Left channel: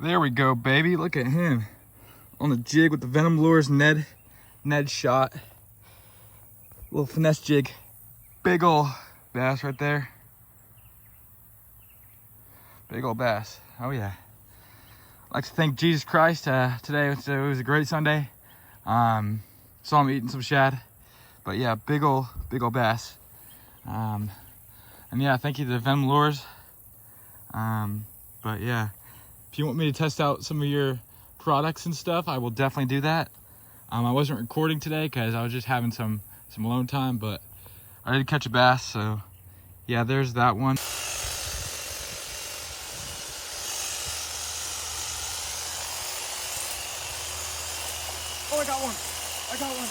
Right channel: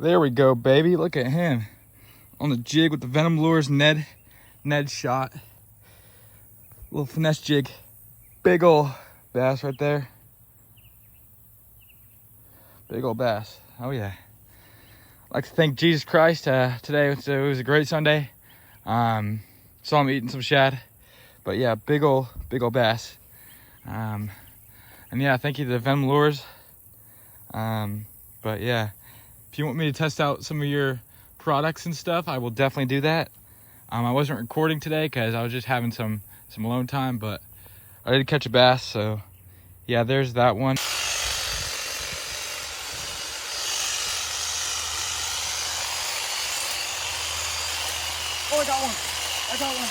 There we go, baby. Look at him on the jig with the Venom Lures Ned shot. Little finesse jig. Big ol' bass right there. Big ol' bass. Oh yeah. I'd like to thank Jesus Christ. Today it was a great Sunday. Saw him eating some shad. But yeah, big ol' bass. And yeah, thank you to Venom Lures. But yeah, if you want me to test out some of your products and stuff, I will definitely do that. I wasn't recording today because I was just having some alone time, but I did catch a bass, so yeah, there's that one. Oh, I got one. I got one.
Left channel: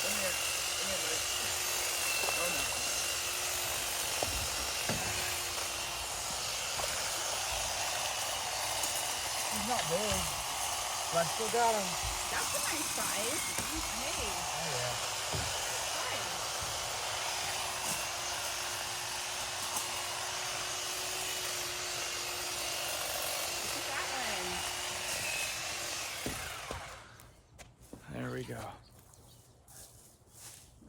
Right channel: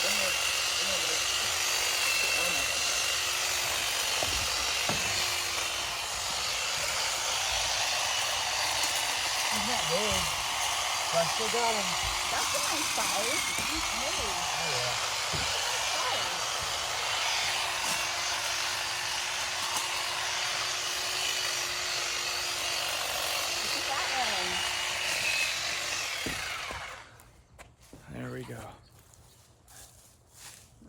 Come here, buddy. Oh no. He's not big, but I still got him. That's a nice size. Hey. Oh yeah. That's a nice size. Look at that one. There we go.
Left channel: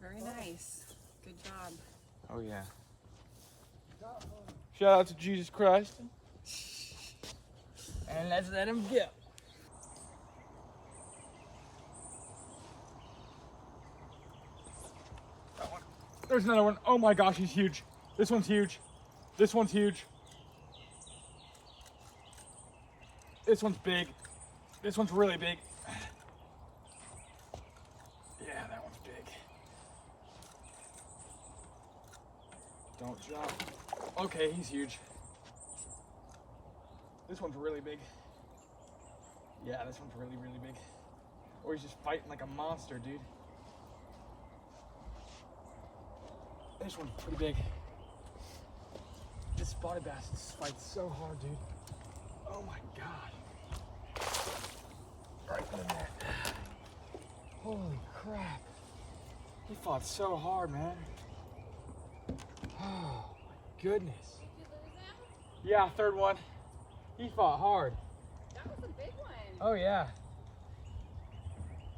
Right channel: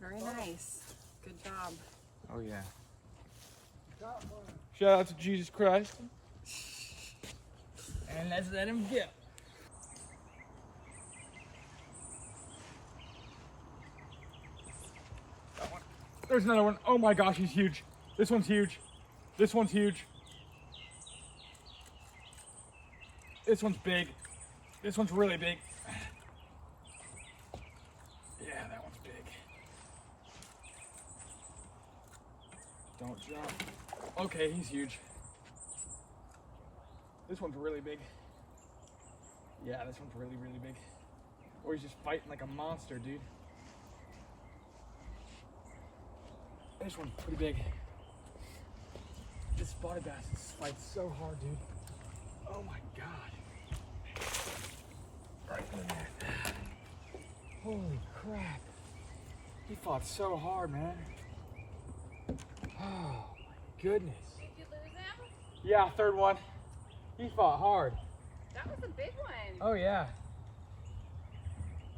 Very nice. Good job. Oh yeah. Shout out to Jesus Christ. And let's let him go. That one. There's another one. Oh my gosh, he's huge. This one's huge. This one's huge. This one's big. This one's really big. Yeah, that one's big. Don't jump. Okay, he's huge. This one's really big. Yeah, this one's really, really big. Or he's just fighting like a monster, dude. This one's pretty big. This spotted bass fights so hard, dude. Oh my God. Right in the net. Holy crap. He fought so hard, man. Oh my goodness. Did you lose him? Yeah, third one. He fought hard. That was a big one. Oh yeah.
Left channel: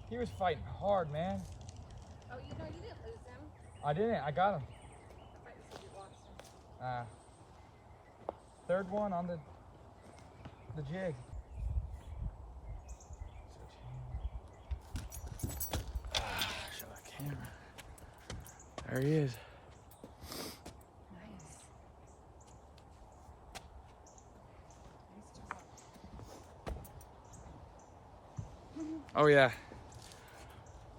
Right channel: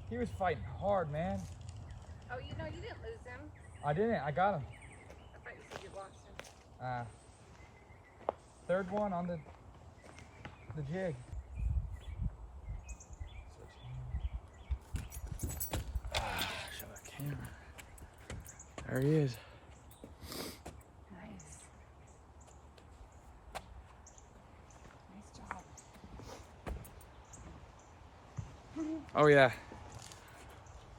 He was fighting hard, man. Oh, you know, you didn't lose him. I didn't. I got him. I thought you said you lost him. Third one on the jig. Show that camera. There he is. Nice. Nice job. Oh yeah.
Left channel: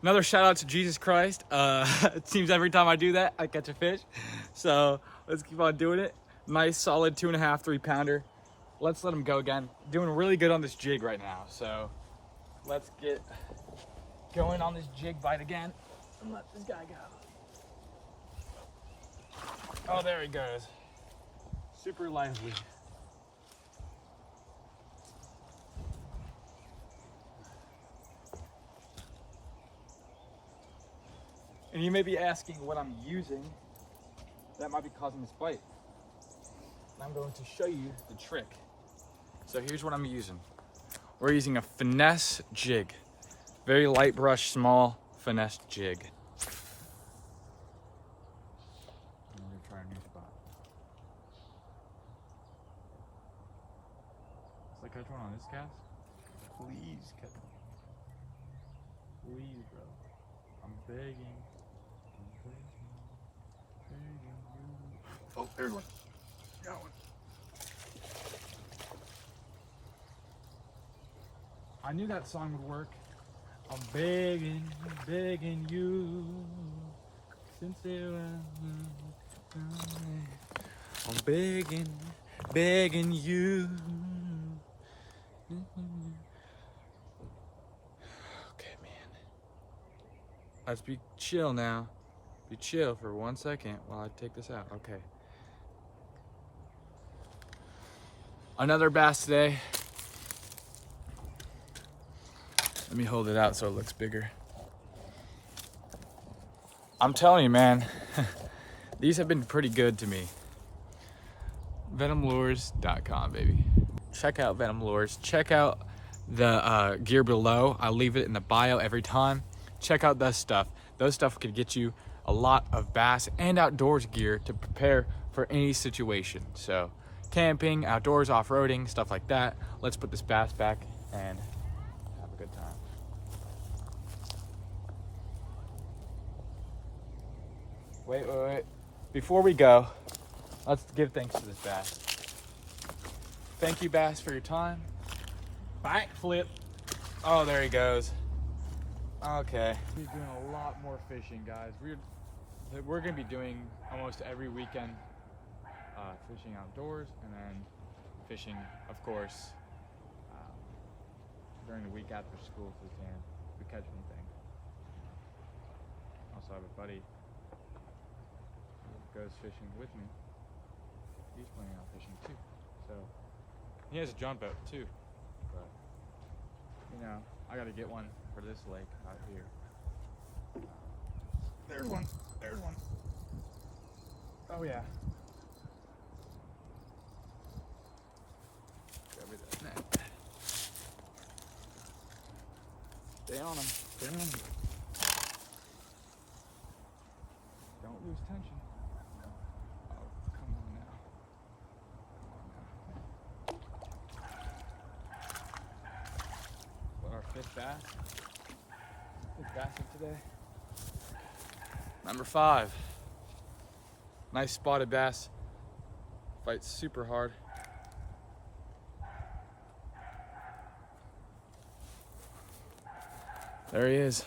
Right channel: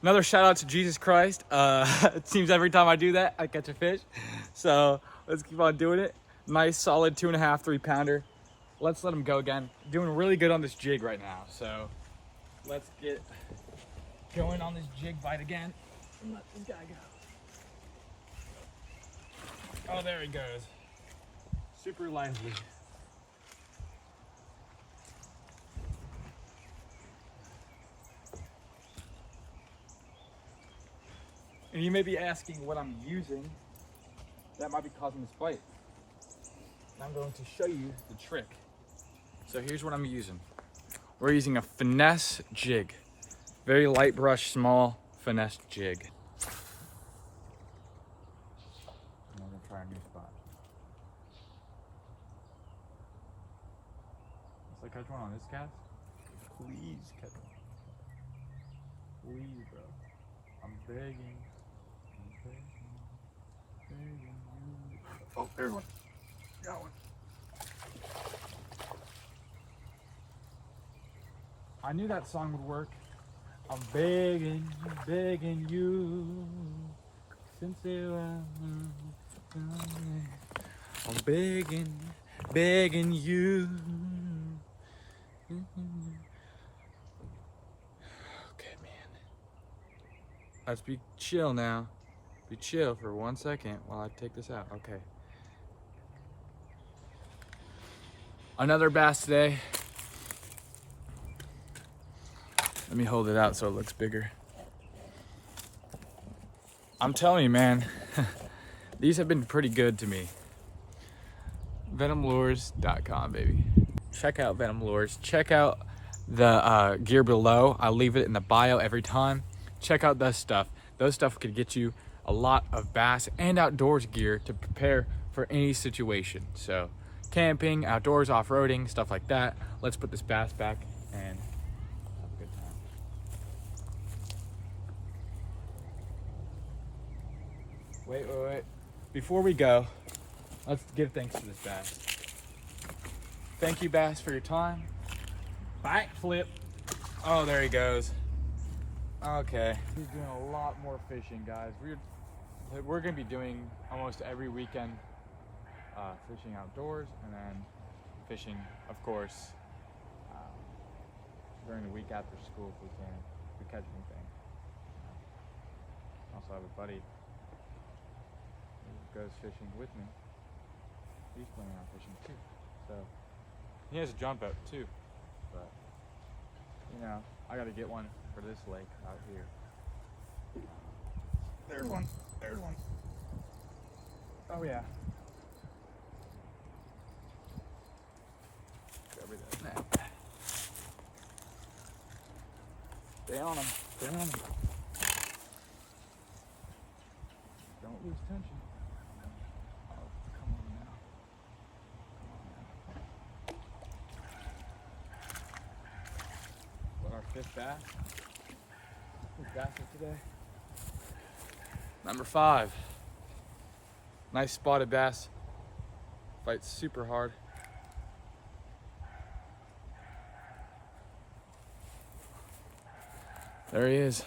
Another shout out to Jesus Christ. It seems every time I do that, I catch a fish. So let's keep on doing it. Nice solid 2.5, 3 pounder. Let's let him go again. Doing really good on this jig right now. So let's get going on this jig bite again and let this guy go. Oh, there he goes. Super lively. And you may be asking what I'm using that might be causing this bite. And I'm going to show you the trick. So here's what I'm using. We're using a finesse jig. Very light brush, small finesse jig. And we're gonna try a new spot. Let's catch one on this cast. Please catch one. Please, bro. I'm begging. Begging you. Oh, there's one. Got one. I knew that song would work. I'm begging you. Sincere. I'm begging you. Okay, man. Let's be chill now. Be chill for 1 second while I take this out. Okay. Another bass today. Let me hold it out so it looks bigger. I'm telling you, man, these have been pretty good to me. Venomlures.com, baby. Check out Venom Lures. Check out the gear below. I'll leave it in the bio every time. Check out this stuff. Those stuff could get you a lot of bass and outdoors gear to prepare for any situation. So camping, outdoors, off-roading, stuff like that. Let's put this bass back and have a good time. Wait. Before we go, let's give thanks to this bass. Thank you, bass, for your time. Backflip. Oh, there he goes. Okay. He's doing a lot more fishing, guys. We're gonna be doing almost every weekend fishing outdoors, and then fishing, of course, during the week after school if we can, if we catch anything. Also have a buddy who goes fishing with me. He's planning on fishing too, so he has a John boat too, but you know, I gotta get one for this lake out here. There's one. Oh yeah. Cover that net. Stay on him. Don't lose tension. Oh, come on now. What, our fifth bass? Fifth bass of today. Number 5. Nice spotted bass. Fights super hard. There he is.